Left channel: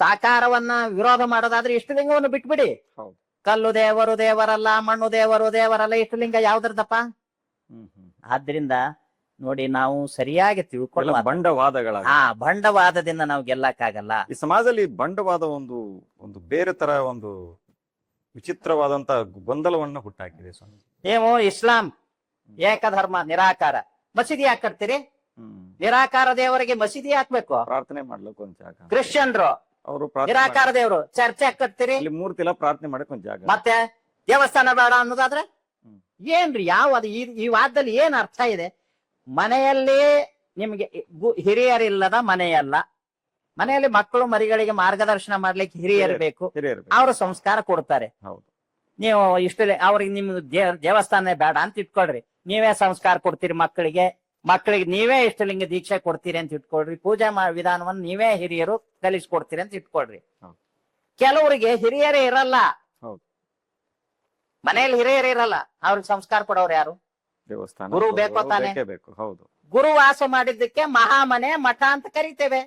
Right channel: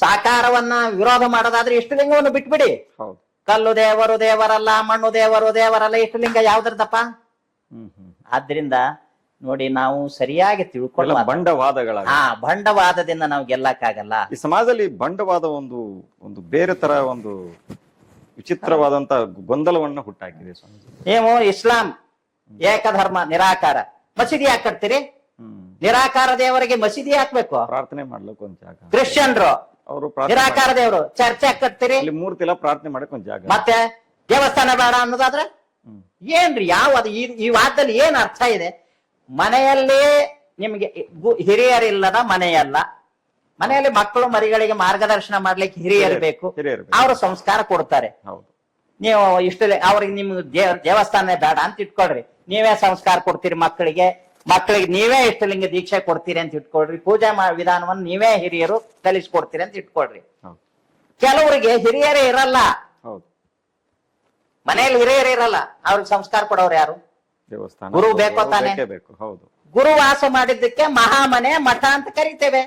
ಸಾಕಾರವನ್ನ ವಿರೋಧ ಮಾಡೋದಾದ್ರೆ ಇಷ್ಟಲಿಂಗವನ್ನು ಬಿಟ್ಬಿಡಿ. ಹೌದು. ಕಲ್ಲು ದೇವರು ದೇವರಲ್ಲ, ಮಣ್ಣು ದೇವರು ದೇವರಲ್ಲ, ಇಷ್ಟಲಿಂಗ ಯಾವ್ದ್ರದಪ್ಪ? ಆದ್ರಿಂದ ನೋಡಿ, ನಾವು ಸರಿಯಾಗಿ ತಿಳ್ಕೊಳ್ಳೋ ಬಂಡವಾದಗಳ ಬಂಡವಾದದಿಂದ ನಾವು ಗೆಲ್ಲಕ್ಕಾಗಲ್ಲ. ಈ ಸಮಾಜದಲ್ಲಿ ಬಂಡವಾದ ಒಂದು ಒಂದು ಬೇರೆ ತರ ಒಂದು ವಿಚಿತ್ರವಾದಂತ ಗೊಂದಲವನ್ನ ಹುಟ್ಟಾಕಿದೆ ಸ್ವಾಮೀಜಿ. ನೀವು ಇಸ್ಲಾಂ ಏಕಧರ್ಮ ನಿರಾಕಾರ, ಮಸೀದಿ ಯಾಕೆ ಕಟ್ತೀರಿ? ನಿರಾಕಾರ ದೇವರಿಗೆ ಮಸೀದಿ ಹಾಕ್ಬೇಕು, ಪ್ರಾರ್ಥನೆ ಮಾಡ್ಲಿಕ್ಕೆ ಒಂದ್ ಜಾಗ. ಕ್ರಿಶ್ಚಿಯನ್ರು ಅವರು ನಿರಾಕಾರ ದೇವರು ಚರ್ಚ್ ಯಾಕೆ ಕಟ್ತೀರಿ? ಮೂರ್ತಿ ಎಲ್ಲ ಪ್ರಾರ್ಥನೆ ಮಾಡಕ್ ಒಂದ್ ಜಾಗ. ಮತ್ತೆ ದೇವಸ್ಥಾನ ಬೇಡ ಅನ್ನೋದಾದ್ರೆ ಏನ್ರಿ? ಯಾವ್ದು ಈ ವಾದಲ್ಲಿ ಏನ್ ಅರ್ಥ ಇದೆ? ಮನೆಯಲ್ಲಿ ನಿಮ್ಗೆ ಹಿರಿಯರಿಲ್ಲದ ಮನೆಯಲ್ಲ, ಮನೆಯಲ್ಲಿ ಮಕ್ಕಳು ಮರಿಗಳಿಗೆ ಮಾರ್ಗದರ್ಶನ ಮಾಡ್ಲಿಕ್ಕೆ ಹಿರಿಯರು ಬೇಕು, ಅವರು ಸಂಸ್ಕಾರ ಕೊಡ್ತಾರೆ. ನೀವು ಅವ್ರಿಗೆ ನಿಮ್ ದೇವಸ್ಥಾನ ಬೇಡ ಅಂತ ಇಟ್ಕೊಳ್ರಿ, ನೀವೇ ಸಂಸ್ಕಾರ ಕೊಡ್ತೀರಿ ಮಕ್ಕಳಿಗೆ ನೀವೇ ಇಷ್ಟಲಿಂಗ ದೀಕ್ಷೆ ಕೊಡ್ತೀರಿ ಅಂತ ಇಟ್ಕೊಳ್ರಿ, ಪೂಜಾ ವಿಧಾನವನ್ನು ನೀವೇ ಹಿರಿಯರು ಕಲಿಸ್ಕೊಡ್ತೀರಿ ಅಂತ ಇಟ್ಕೊಳ್ರಿ. ಕೆಲವರಿಗೆ ಹಿರಿಯರೇ ಇರಲ್ಲ, ಮನೆಯಲ್ಲಿ ಹಿರಿಯರು ಇರಲ್ಲ, ಅವ್ರಿಗೆ ಸಂಸ್ಕಾರ ಕೊಡೋರು ಯಾರು? ಗುರು ಬೇಕೋ ತಾನೆ? ಗುರು ವಾಸ ಮಾಡಿದ್ದಕ್ಕೆ ಮಹಾಮನೆ ಮಠ ಅಂತ ಕರಿತೇವೆ.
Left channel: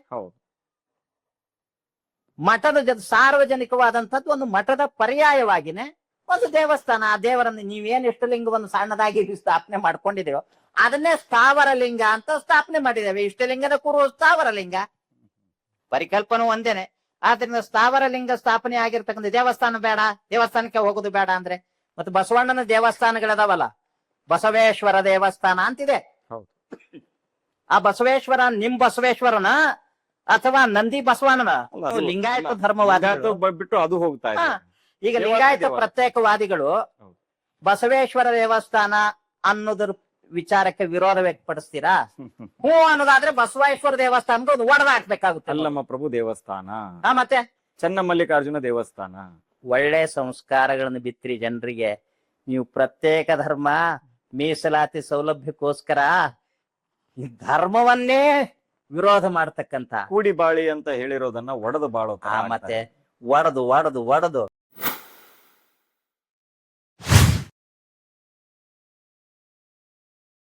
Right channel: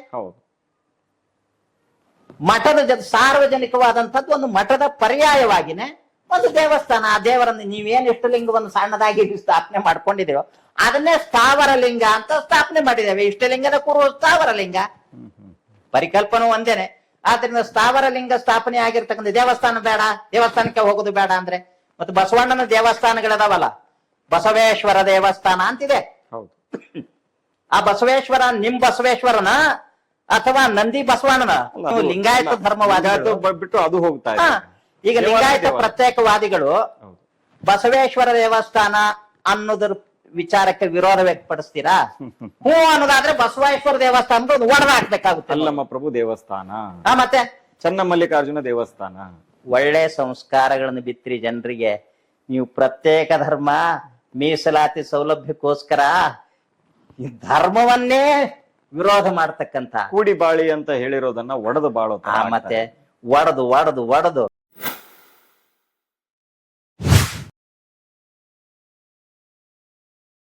ಮಠದ ಜೊತೆ ಸಾರ್ವಜನಿಕವಾದಂಥದ್ದು ಒಂದು ಮಠದ ಪರ್ಯಾಯವಾಗಿನೇ ಒಂದು ದೇವಸ್ಥಾನ. ಆ ದೇವರನ್ನು ನೀವೇನ್ ಇಷ್ಟಲಿಂಗವನ್ನು ಸಣ್ಣದಾಗಿ ಸ್ಥಾಪನೆ ಮಾಡ್ಕೊಂಡಿದ್ದೇವೋ ಅದನ್ನೇ ಸ್ಥಾವರ ಲಿಂಗ ಅಂತ ಸ್ಥಾಪನೆ ಮಾಡಿದ್ದೇವೆ. ಇಷ್ಟಲಿಂಗದ ಕುರು ಸ್ಥಾವರ ಲಿಂಗ, ಪರಿಕಲ್ಪನೆ ಒಂದೇನೆ. ಆದ್ರಿಂದ ಸ್ಥಾವರ ಲಿಂಗ ಸ್ಥಾಪನೆ ಆಗಿರ್ತಕ್ಕಂಥ ದೇವಸ್ಥಾನ ಬೇಡ, ದೇವಸ್ಥಾನಕ್ಕೆ ಹೋಗುದು ಬೇಡ ಅಂದ್ರೆ, ಮತ್ತೆ ಬಸವಣ್ಣನ ದೇವಸ್ಥಾನಗಳದಾವಲ್ಲ, ಬಸವೇಶ್ವರ ದೇವಸ್ಥಾನ ಅಂತಿದೆ. ಆ ಬಸವೇಶ್ವರ ನಿಮ್ ಬಸವೇಶ್ವರನ ಅಥವಾ ನಂದಿ ಬಸವಣ್ಣನ? ಲಿಂಗಾಯತ ಧರ್ಮವಾದ ಬಿಟ್ಟು ಅದು ಹೋಗ್ತಾ ಇದೆ. ಈಗ ಲಿಂಗಾಯತ ಪ್ರತ್ಯೇಕವಾದಿಗಳು ಬಸವೇಶ್ವರ ದೇವಸ್ಥಾನ ಅನ್ನೋದ್ರ ವಿಚಾರಕ್ಕೆ ವಿರೋಧ ವ್ಯಕ್ತಪಡಿಸ್ತೀರಾ? ಹ್ಞೂ ಅನ್ನೋದಾದ್ರೆ ಬಸವೇಶ್ವರ ದೇವಸ್ಥಾನ ಒಡೆದ ಹಾಕ್ಬೇಕಾಗುತ್ತೆ. ಅಲ್ಲಮ್ಮ ಪ್ರಭು ದೇವಸ್ಥಾನ, ಮತ್ತೆ ಚನ್ನಮಲ್ಲಿಕಾರ್ಜುನ ದೇವಸ್ಥಾನ. ಒಳ್ಳೆ ಸಂಸ್ಕಾರಗಳನ್ನು ಬಿತ್ತಿರಿ ಜನರಿಗೆ. ನೀವು ಪ್ರತ್ಯೇಕ ಧರ್ಮ ಮೀಸಲಾತಿ ಸೌಲಭ್ಯಕ್ಕೋಸ್ಕರ ಈ ಧರ್ಮವನ್ನೇ ವಿರೋಧ ಮಾಡ್ತಕ್ಕಂತ ಕೂಡಿ ಬಾಳಿ ಅಂತ ಹೇಳಿರೋದನ್ನ ಒಡೆದು ಬಾಳೋ ಮತ್ತೆ ಒಡೆದು